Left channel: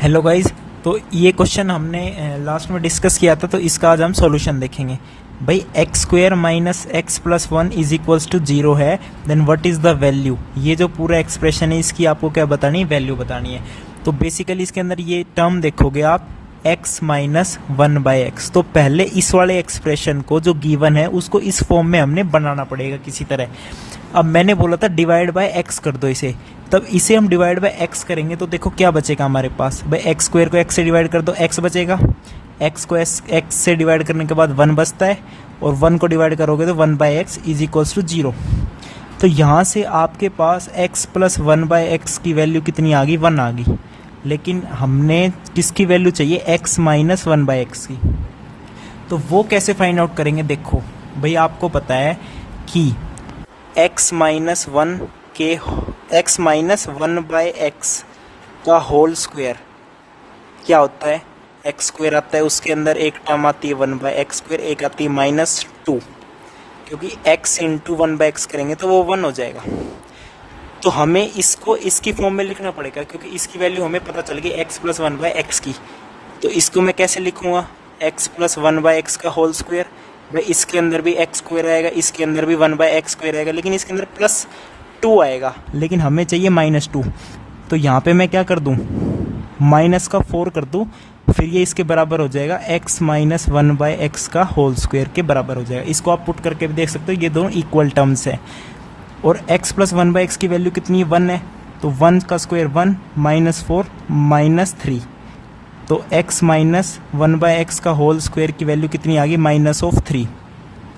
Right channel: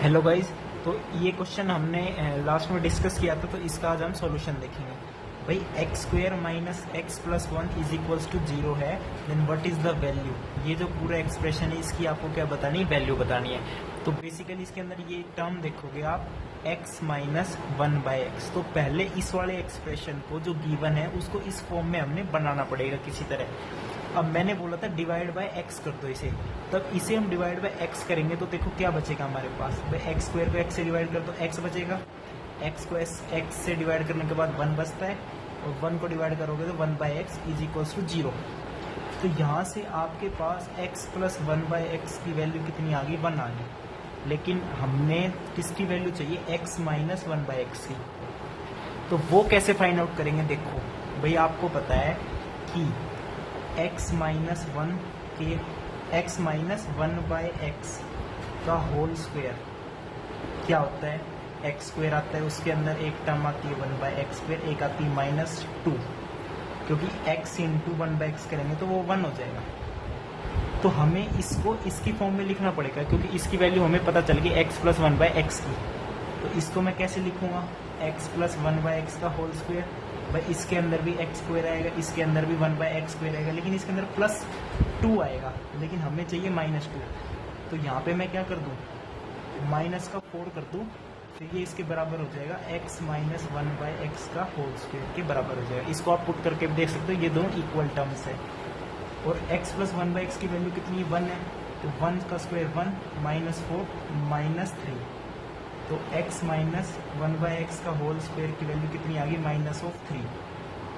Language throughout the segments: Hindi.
Hello guys. तो ये क्वेश्चन हमने लास्ट में डिस्कस किया था, तो इसका आज हम सॉल्यूशन देखेंगे। भाई X square minus X plus one is equals to zero है, then what is the value. ये जो पूरा एक्सप्रेशन है इसकी आपको क्या बतानी है, वैल्यू बतानी है। तो बेसिकली इसके अंदर ये टर्म देखोगे आप x minus one by x. तो पहले इस वाले एक्सप्रेशन को जो गिवन है उसको इस फॉर्म में हमने बनाना पड़ेगा किसी तरह। अब मैंने बोला था डिवाइड बाय x कर दो इसे, तब इसे हम डिवाइड बाय x करेंगे तो देखो क्या बचेगा हमारे पास। भाई एक्स स्क्वायर को x से डिवाइड कर दो, x बचेगा। x को x से डिवाइड करने के बाद 1 बचता है, और 1 को डिवाइड करोगे तो 1 by x is equals to zero. तो यहाँ से आपके पास x plus one by x की वैल्यू कितनी आ गई, 1 आ गई। लेकिन हमने किसकी वैल्यू चाहिए, x minus one by x की। तो वो कैसे फाइंड आउट करेंगे, देखो भाई आपको पता है कि x माइनस वन के x minus one by x का होल स्क्वायर क्या होता है, एक्स स्क्वायर आता है, उसके अंदर एक टर्म आती है 1 बाई एक्स स्क्वायर, एक आती है माइनस टू, क्योंकि x into one by x करेंगे तो वो 1 हो जाएगा। तो हमें इसको इसकी फॉर्म में लिखना पड़ेगा, क्योंकि इसकी वैल्यू हमें पता चल गई x plus one by x की। तो इसको मैं कैसे लिखूँगा, x plus one by x का होल स्क्वायर। भाई इसके अंदर भी एक्स स्क्वायर आएगा, इसके अंदर भी 1 बाई एक्स स्क्वायर आएगा, लेकिन इसके अंदर प्लस 2 आएगा, लेकिन हमें चाहिए माइनस 2। तो यहाँ पे मैं क्या कर दूँ, माइनस का 4 कर दूँ, फिर ये इसके बराबर हो जाएगा x minus one by x का होल स्क्वायर के बराबर हो जाएगा। इसको आप पुट करके भी देख सकते हो, ये दोनों इक्वल टर्म्स हैं। और x plus one by x की वैल्यू कितनी है, 1 है, तो 1 का स्क्वायर 1 माइनस 4 माइनस 3। तो x minus one by x का होल स्क्वायर की वैल्यू कितनी आ गई, माइनस ऑफ 3।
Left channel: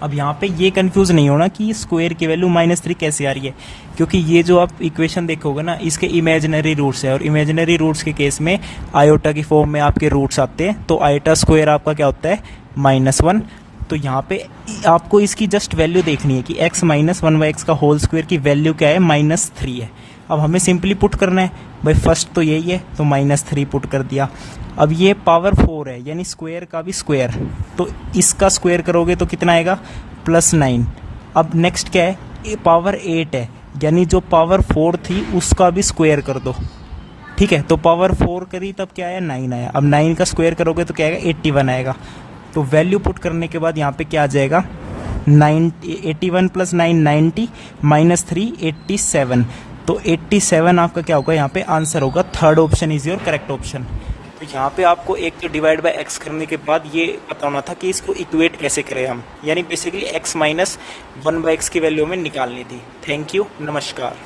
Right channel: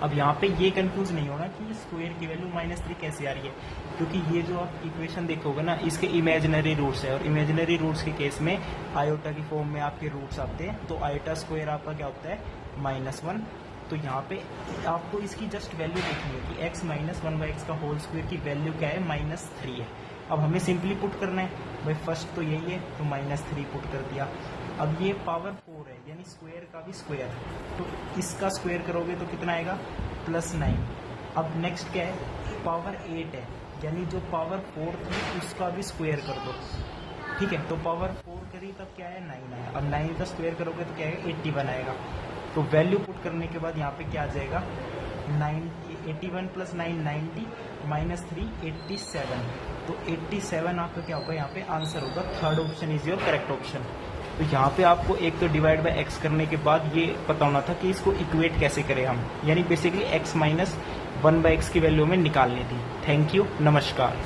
अब यहाँ पे ये कंफ्यूज नहीं होना कि स्क्वायर की वैल्यू माइनस 3 कैसे आ रही है, क्योंकि ये जो आप इक्वेशन देखोगे ना, इसके इमेजिनरी रूट्स है, और इमेजिनरी रूट्स के केस में आयोटा की फॉर्म में आपके रूट्स आते हैं। तो आयोटा स्क्वायर आपका क्या होता है, -1। तो यहाँ पे आपको इसकी जस्ट वैल्यू देखनी है कि x minus one by x का होल स्क्वायर की वैल्यू क्या है, -3 है। अब हमें सिंपली पुट करना है, भाई फर्स्ट तो यही है, तो -3 पुट कर दिया। अब ये पावर 4 है, यानी स्क्वायर का भी स्क्वायर, तो इसका स्क्वायर करोगे तो कितना आएगा, +9। अब नेक्स्ट क्या है, ये पावर 8 है, यानी जो पावर 4 थी उसका भी स्क्वायर कर दो। ठीक है, तो पावर 4 करी तब क्या आया, 9 आया। अब 9 का स्क्वायर करोगे तो क्या आएगा, 81 आएगा। तो वैल्यू पुट करने के बाद यहाँ पे क्या आ जाएगा, 81 प्लस 9 90 माइनस 3 87। तो 87 आपका क्या होगा, यहाँ पे आंसर होगा। Third option is your correct option. तो यहाँ पे आपको एक डिवाइड बाय x करने के बाद ये पता होना था कि इसको इक्वेट कैसे करें हम, यानी basically x minus one by x की वैल्यू में निकालनी थी। थैंक यू, नमस्कार।